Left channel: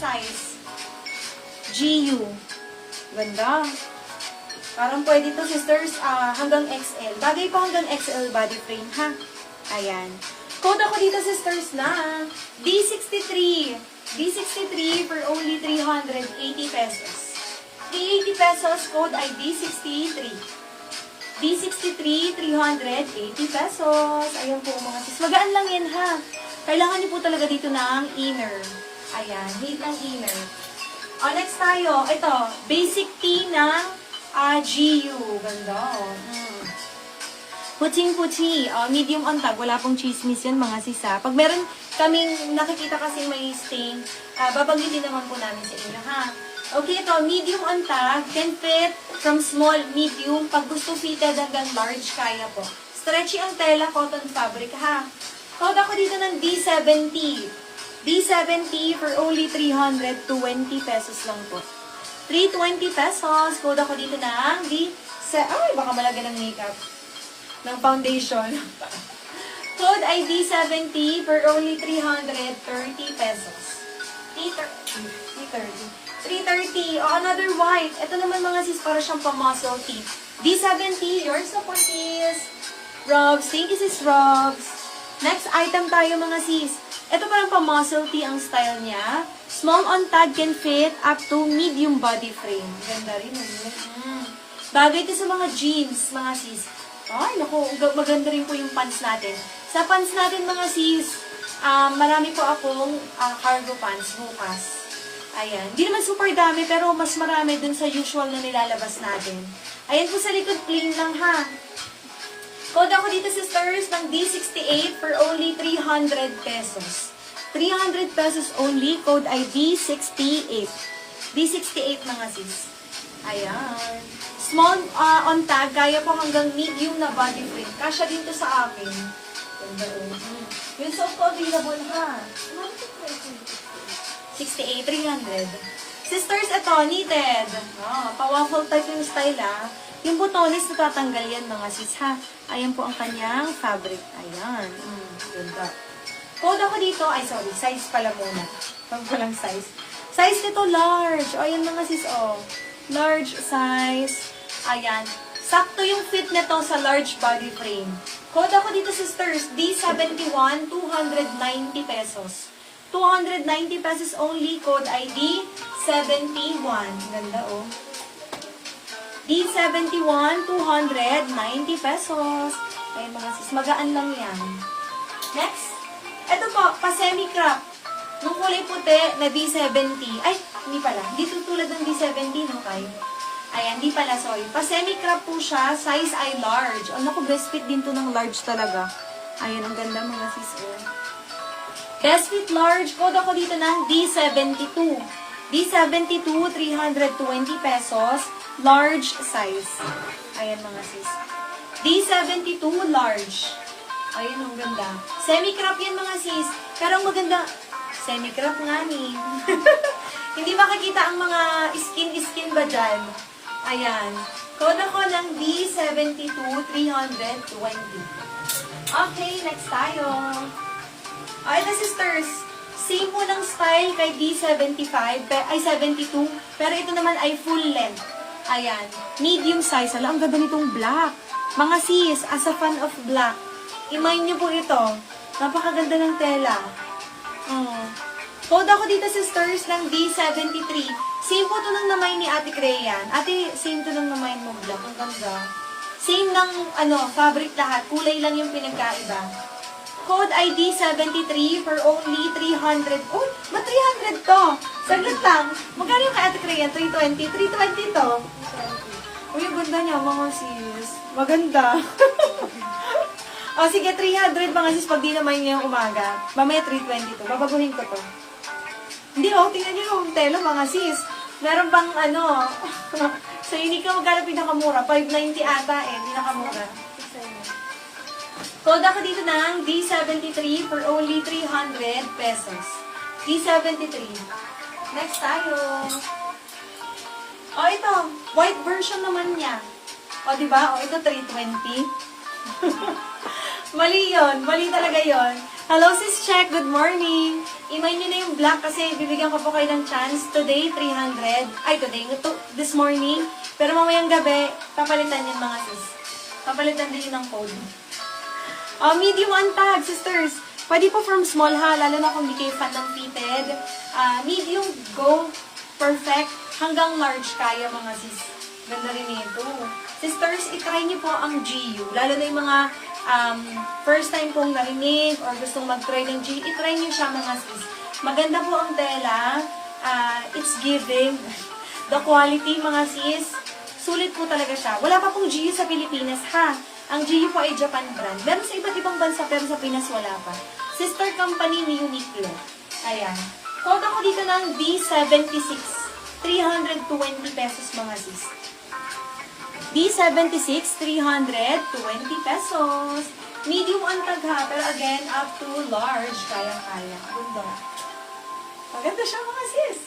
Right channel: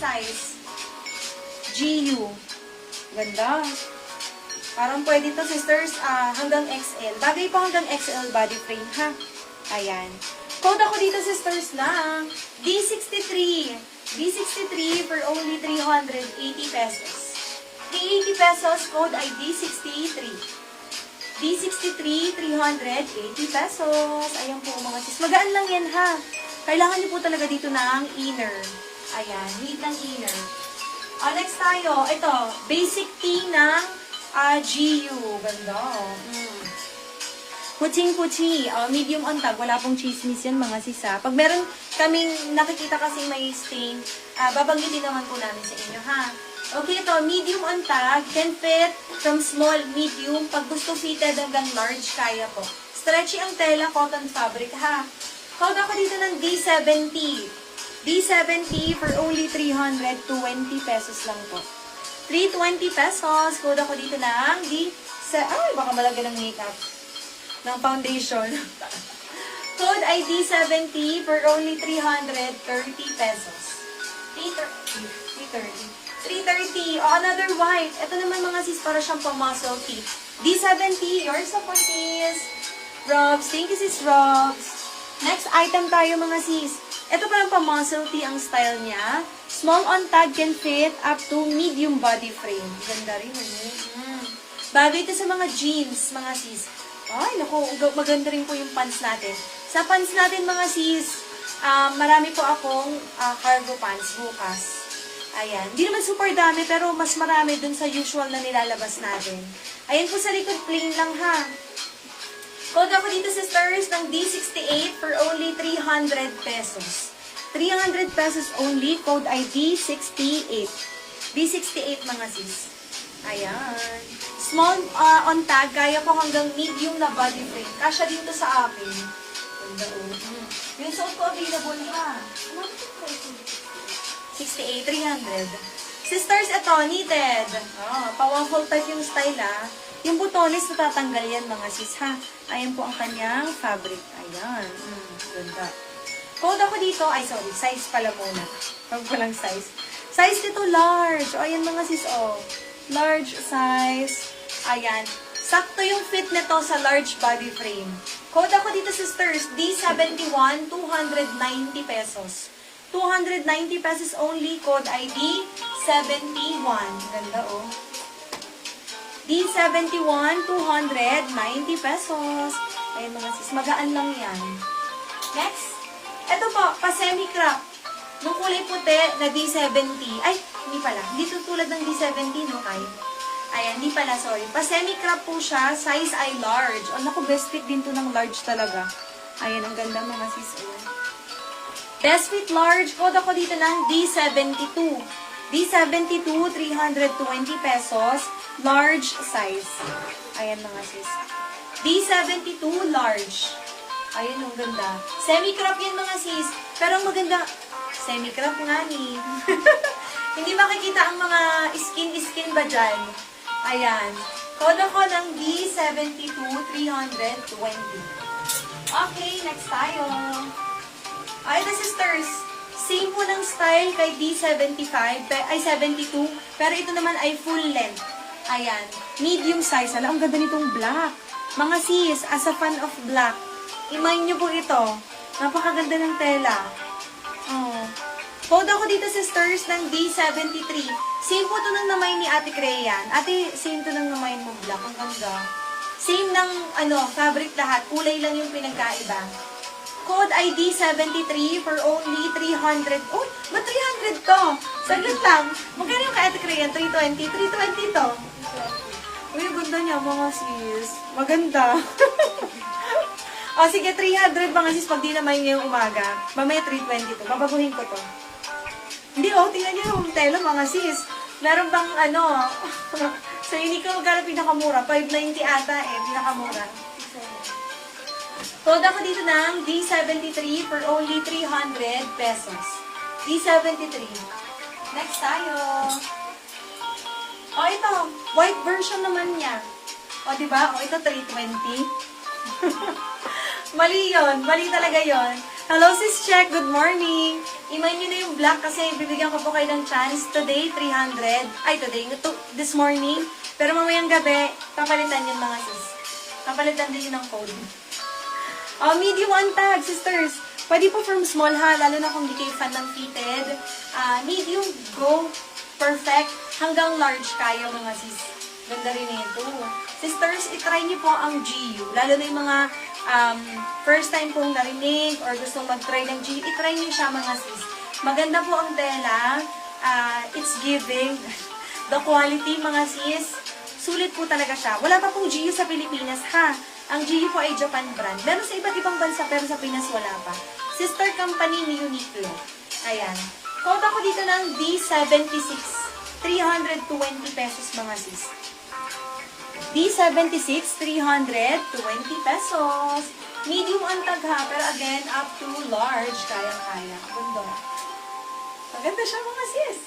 Size. GU. Ganda. Parang pwede to, sisters, hanggang XL. Bagay po hanggang XL body frame, ha? Ayan. Code ako dito, sisters, na D63. D63 for only 380 pesos. 380 pesos, code ay D63. D63, 380 pesos. Ayan po, mga sis. Magaan lang yan, ha? Kailangan niyo po talaga dito ng inner. Ayan, neat ng inner. Next tayo. Ito, basic tee ng GU. Ganda. Kuching-kuchi. Medium on tag. Wala pong chismis yan, mga sisa. Pag meron kaming nakikita kasi may stain, babanggitin naman po namin sa inyo, ha? Okay, ito, medium on tag. Can fit from small, medium. Pag gusto fitted hanggang large, kaya po. Stretchy ang tela, cotton fabric, ha? Code ako dito ng D70. D70 for only 320 pesos lang po. 320 pesos. Code ako dito ng ay, baka malagyan ng makeup. Ng foundation. Code ay D70 for only 330 pesos. 330. Another white. Ito naman, mga sis, para siyang pa-muscle tee. D70. Yours na po, sis. Robs. Thank you, sis Robs. Next item tayo, mga sis. Ito parang pa-muscle tee ang style niya. Small on tag, can fit up to medium body frame. Ganda rin. Bagay ito sa mga jeans, mga sis. Ay, naku, maganda rin po yung pants natin. Sa pants natin, mga sis, marami po akong cargo pants bukas. Ayan. Hindi naman super dami, pero mas marami dun sa usual na nilalabas natin. Ayan po sa likod, plain lang, ha. Code ako dito, sisters, ng D68 for only 300 pesos. 300 pesos only. Code ay D68. D68, mga sis. Ayan. Small on tag. Kaya ko hanggang medium na body frame. Kasya dito sa akin. Yung soap ko available, ha. 68, 300. Sisters, ito, knitted. Pa-waffle type yung style, ha. Yung butones, natatanggal yan, mga sis, ha. Ayan po ang kanyang fabric. Ayan. Ganda. Code ako dito. Ay, sorry. Size pala muna. Huwag ko lang size. Size nito, large. Ayan, mga sis, large size. Ayan. Sakto yung fit nito sa large body frame. Code ako dito, sisters. D71, 290 pesos. 290 pesos only. Code ID 71. Ganda, D71, 290 pesos. Ayan, mga sis. Magaan lang yan. Next. Ito po, pa-semi-crop. Nung kulay puti na D70. Ay, hindi pala. Hindi tulad ng D70, no, Kai? Ayan, hindi pala, sorry. Pa-semi-crop po siya. Size ay large. Naku, best fit din to ng large talaga. Ayan, ang ganda, mga sis. Best fit large. Code ako dito ng D72. D72, 320 pesos. Large size. Ayan, mga sis. D72, large. Ayan, ang ganda. Semi-crop yan, mga sis. Pero ang maganda, semi-crop nga ni. Hindi makikita ang mga skin ba dyan? Ayan. Code ako ng D72, 320. Okay, next tayo. Ito, sisters. Same po ng style kay D75, ay 72, pero ito naman ay full length. Ayan, medium size. Ang ganda nitong black. Mga sis, as a fan of black, imagine nyo po ito. Napakaganda ng tela. Code ako dito, sisters, ng D73. Same po ito ng namay ni Ate Crayan. Ate, same to ng namay mo black. Ang ganda. Same ng, fabric lahat. Kulay lang yung pinagkaiba. Code ID 73 for only 300. Uy, ba't 300 to? Saglit lang. Magkano yung kay Ate Crayan? 320? 320 to. Uy, ang ganda niya, mga sis. Maganda. Sige, 300 mga sis pag di naman ngayong umaga. Mamaya 320 to. Babaguhin ko to. Hindi, tingnan niyo yung tela, mga sis. Meron bang, sa Uniqlo, magkano pinakamura? 590 ata pinakamura. Code ako dito ng D73 for only 300 pesos. D73. Next tayo. Ito. White version naman niya. O, diba? O, ito 320. Mali yon, mali talaga yon. Hello, Sis Check. Good morning. Imayin nyo na yung black kasi bibigyan ko po kayo ng chance. Today, 300. Ay, this morning. Pero mamayang gabi, papalitan yun mga sis. Papalitan din yun ng code. Medium untag, sisters. Pwede po from small ha, lalo na kung di kayo fan ng fitted. Medium, go. Perfect. Hanggang large kayo mga sis. Ganda rin ito. Sisters, itry niyo po ang GU. Lalo na yung mga first time pong narinig or gustong mag-try ng GU, itry niyo siya mga sis. Maganda po ang tela. It's giving. The quality mga sis, sulit po talaga siya. Wala pa pong GU sa Pilipinas ha. Ang GU po ay Japan brand. Meron sa iba't ibang bansa pero sa Pinas wala pa. Sister company ni Uniqlo. Ayan. Quote ako dito ng D76. 320 pesos mga sis. D76, 320 pesos. Medium ang tag ha, pero again, up to large, kayang-kaya. Ganda. Maganda siya mga sis.